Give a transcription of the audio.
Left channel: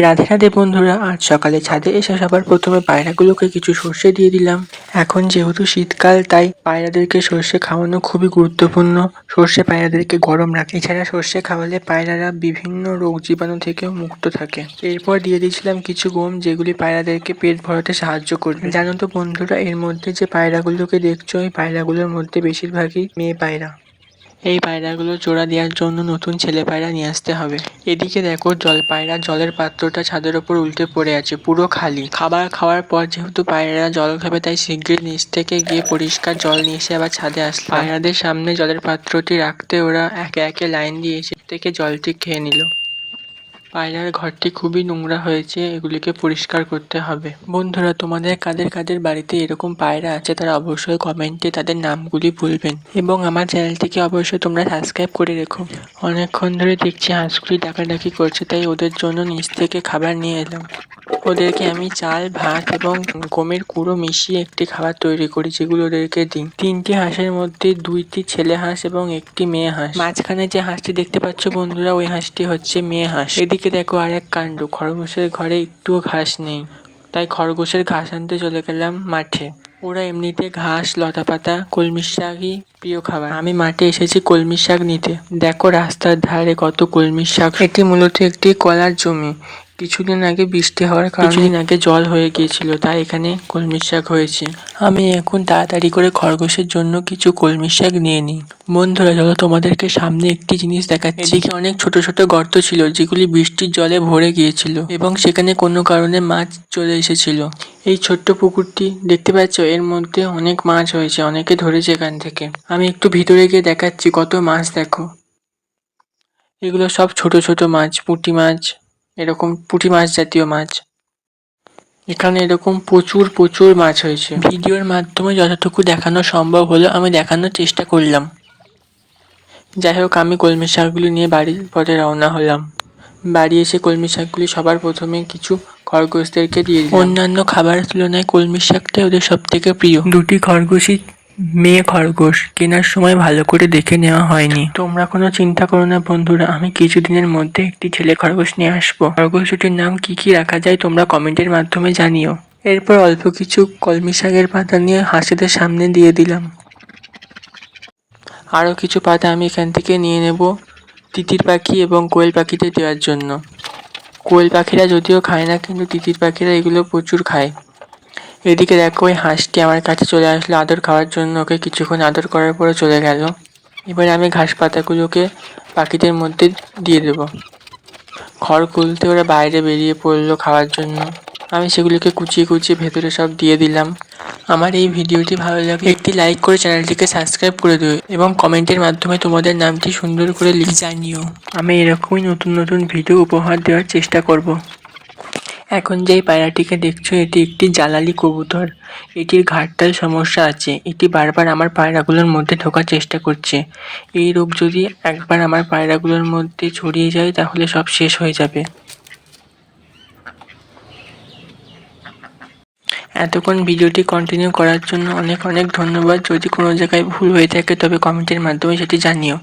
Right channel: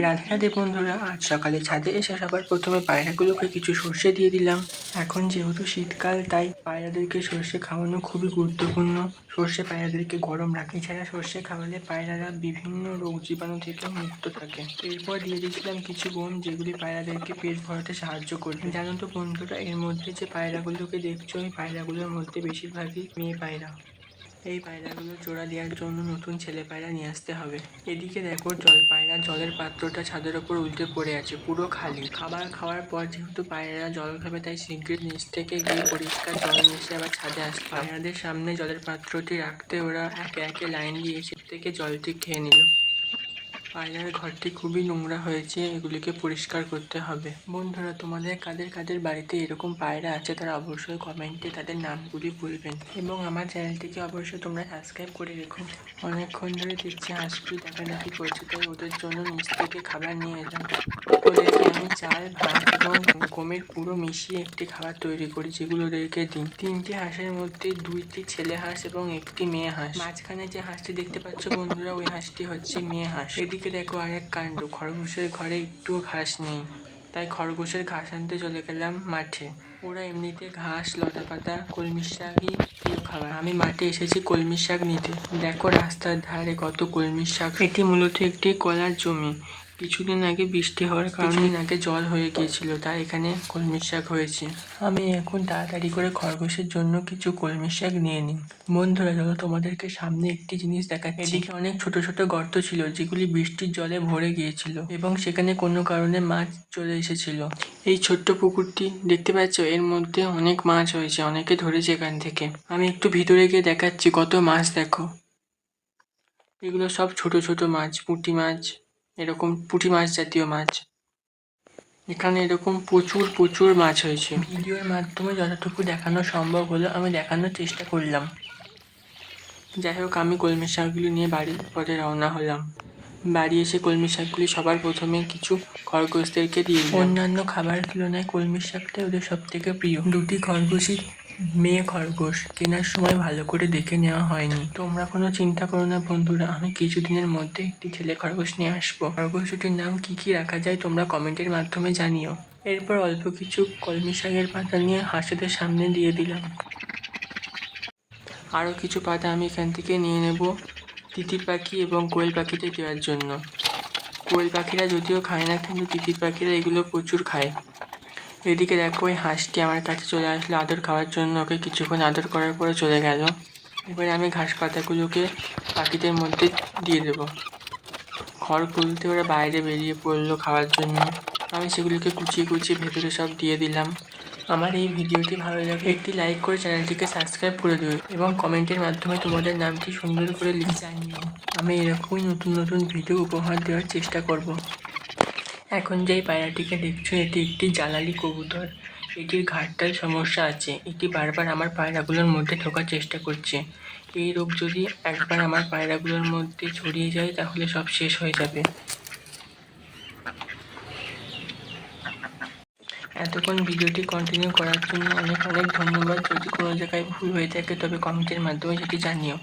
রাধে রাধে বন্ধুরা, আজ সকালে ছাদে এসে সবার প্রথমে পায়রাগুলোকে কিছু সর্ষে দিয়ে দিলাম। এখন যেহেতু শীতকাল, তাই পায়রাদেরকে সর্ষে খাওয়ানো খুবই গুরুত্বপূর্ণ। সর্ষে পায়রাদেরকে গরম রাখে। এছাড়া সর্ষে খাওয়ালে পায়রারা বিভিন্ন রোগ জীবাণু থেকেও মুক্ত থাকে। এরপর দিয়ে দিয়েছিলাম কিছু গম, যেগুলি পায়রাদেরকে পেট ভরাতে সাহায্য করবে। জানো তো বন্ধুরা, এর মধ্যে যে পায়রাগুলোকে দেখছো, এই পায়রাগুলোর মধ্যে বেশিরভাগই মেয়ে পায়রা। এই পায়রাগুলো জোড়া দেওয়ার জন্য নতুন ছেলে পায়রা নিয়ে আসতে হবে। এদিকে দেখো, পায়রা জলের পাত্রটা ছাদের ওপর উল্টে পড়ে আছে, পুরো খালি। খাবার খাওয়ার পর যেহেতু পায়রারা জল খাবে, তাই শিগগির নিচ থেকে গিয়ে পরিষ্কার জল নিয়ে এসে আবার ছাদে আসলো। পায়রাদের সামনে জলের পাত্রটি রাখতে ওরা একে একে লাইন দিয়ে এসে থেকে জলটি খেয়ে নিল। পায়রার ঘরটি খুবই নোংরা হয়েছে, এগুলিকে পরিষ্কার করতে হবে। বন্ধুরা, তোমাদের কাদের কাদের বাড়িতে এরকম পায়রা আছে, তারা অবশ্যই কমেন্টে তাদের নামগুলি বলবেন। এবং আমার চ্যানেলটিকে অবশ্যই তোমরা সাবস্ক্রাইব করে রেখো। অনেকক্ষণ ধরে দেখছি হাঁসগুলি ডাকাডাকি করছে, তাই ওদের জন্য নিচ থেকে খাবার নিয়ে এলাম। ওদেরকে আমি চাল, ভাত এবং গমের কুড়ো মিশিয়ে একটি খাবার তৈরি করি, যেগুলো ওদেরকে দিই। 3টি হাঁসের মধ্যে 2টি ছেলে হাঁস এবং একটি মেয়ে হাঁস। মাঝখানে যে হাঁসটি দেখতে পাচ্ছ বন্ধুরা, ওই হাঁসটি হচ্ছে মেয়ে হাঁস। এদিকে দেখো আর এক কাণ্ড, খরগোশের ঘরে একটুও ঘাস নেই, তাই খরগোশের ঘাস আনতে চলে গেলাম মাঠে। ওরা এমনিতে ঘাস, লতাপাতা, কলমি শাকই প্রিয় খাবার। আমি মাঠে এসেছি কলমি শাক নিতে। দেখো রাস্তার ধারে কত কলমি শাক। এটি মূলত একটি কলার জমি। কিছুদিন আগে বৃষ্টি হওয়ার কারণে কিছুদিন আগে জল হয়ে গিয়েছিল, তাই এখানে কলমি শাক হয়েছে। আমি এখন তাড়াতাড়ি করে খরগোশের জন্য কিছু কলমি শাক নিয়ে নিই। বন্ধুরা, চলো তোমাদেরকে সামনে একটি জিনিস দেখাচ্ছি। এদিকে অনেক ছোট ছোট গর্ত ছিল, যেগুলি বৃষ্টির জলে ভরে গিয়েছিল এবং সেখানে কোনো কারণে মাছ চলে এসেছিল। এই ছোট্ট পুকুরটি দেখতে পাচ্ছ, এর মধ্যে অনেক মাছ হয়েছে, অনেকে ধরেছে এখান থেকে। আমি একটু ভিতরে গিয়ে দেখাচ্ছি কত মাছ দেখো। এগুলো সব ছোট ছোট মাছ, পুঁটি মাছ, এরকম পুঁটি মাছ জাতীয় মাছ। এখানে এরকম প্রচুর প্রচুর মাছ হয়েছে। ভিডিওর মাধ্যমে যতটুকু দেখানো সম্ভব হলো আমি দেখানোর চেষ্টা করলাম। যাই হোক, আমি কলমি শাকগুলি নিয়ে বাড়ির পথে রওনা হলাম। বাড়ি এসে কলমি শাকগুলি সবার প্রথমে কিছু খরগোশদেরকে দিয়ে দিলাম। অন্যান্য খাবারের তুলনায় কলমি শাকটাই ওদের সব থেকে প্রিয়। 2টি খরগোশই মেয়ে খরগোশ, কেনার সময় ভালো করে দেখে নেওয়া হয়নি। তোমরা কোনো চিন্তা করো না বন্ধুরা, আমি কিছুদিনের মধ্যে একটি ছেলে খরগোশ নিয়ে আসবো। খরগোশ দুটির নাম কি রাখা যায় তোমরা কমেন্টের মাধ্যমে জানিও। এরপর অল্প কিছু কলমি শাকের পাতা নিয়ে হাঁসেদের সামনে দিয়ে দিলাম। আরও কিছু পাতা আমি এখান থেকে নিয়ে নেব তিতির পাখি এবং কোয়েল পাখিদের দেওয়ার জন্য। কোয়েল পাখিরা যদিও খায় না, কিন্তু তিতির পাখিরা এগুলো প্রচুর খায়। এদিকে দেখো, ওই হাঁসটি আমার কাছে চলে আসলো আদর খাওয়ার জন্য। ওকে কিছুক্ষণ আদর করার পরে চলে গেল। এবারে আমি ঘাস পাতাগুলোকে পাখিদের মধ্যে দিয়ে দেব। খড় খুলতে ওরা বাইরে বেরিয়ে পড়লো খাওয়ার জন্য। আমি সেগুলোকে কুচিয়ে কুচিয়ে ভেতরে সব দিয়ে দিলাম। আমার এই ভিডিওটি ভালো লাগলে একটি লাইক করে চ্যানেলটিকে সাবস্ক্রাইব করে দিও এবং কমেন্টের মাধ্যমে তোমাদের নামটি সুন্দর করে লিখে জানিও। আমি এরকমই নতুন নতুন ভিডিও উপহার দেওয়ার চেষ্টা করব। এখন যেই পায়রাটিকে দেখছো, এটি একটি জ্বালালি কবুতর। এটির ঘাড়টায় সমস্যা আছে। এটি বারবার আমার পায়রাগুলোর মধ্যে ঢোকার চেষ্টা করছে। এই রোগ যদি একবার আমার পায়রাগুলোর মধ্যে ছড়িয়ে যায়, তাহলে সব শেষ হয়ে যাবে। এতক্ষণ ভিডিওটি কন্টিনিউ করার জন্য অনেক অনেক ধন্যবাদ। যদি কোনো জায়গায় ভুল হয়ে থাকে তবে কমেন্টের মাধ্যমে সেটি জানিও।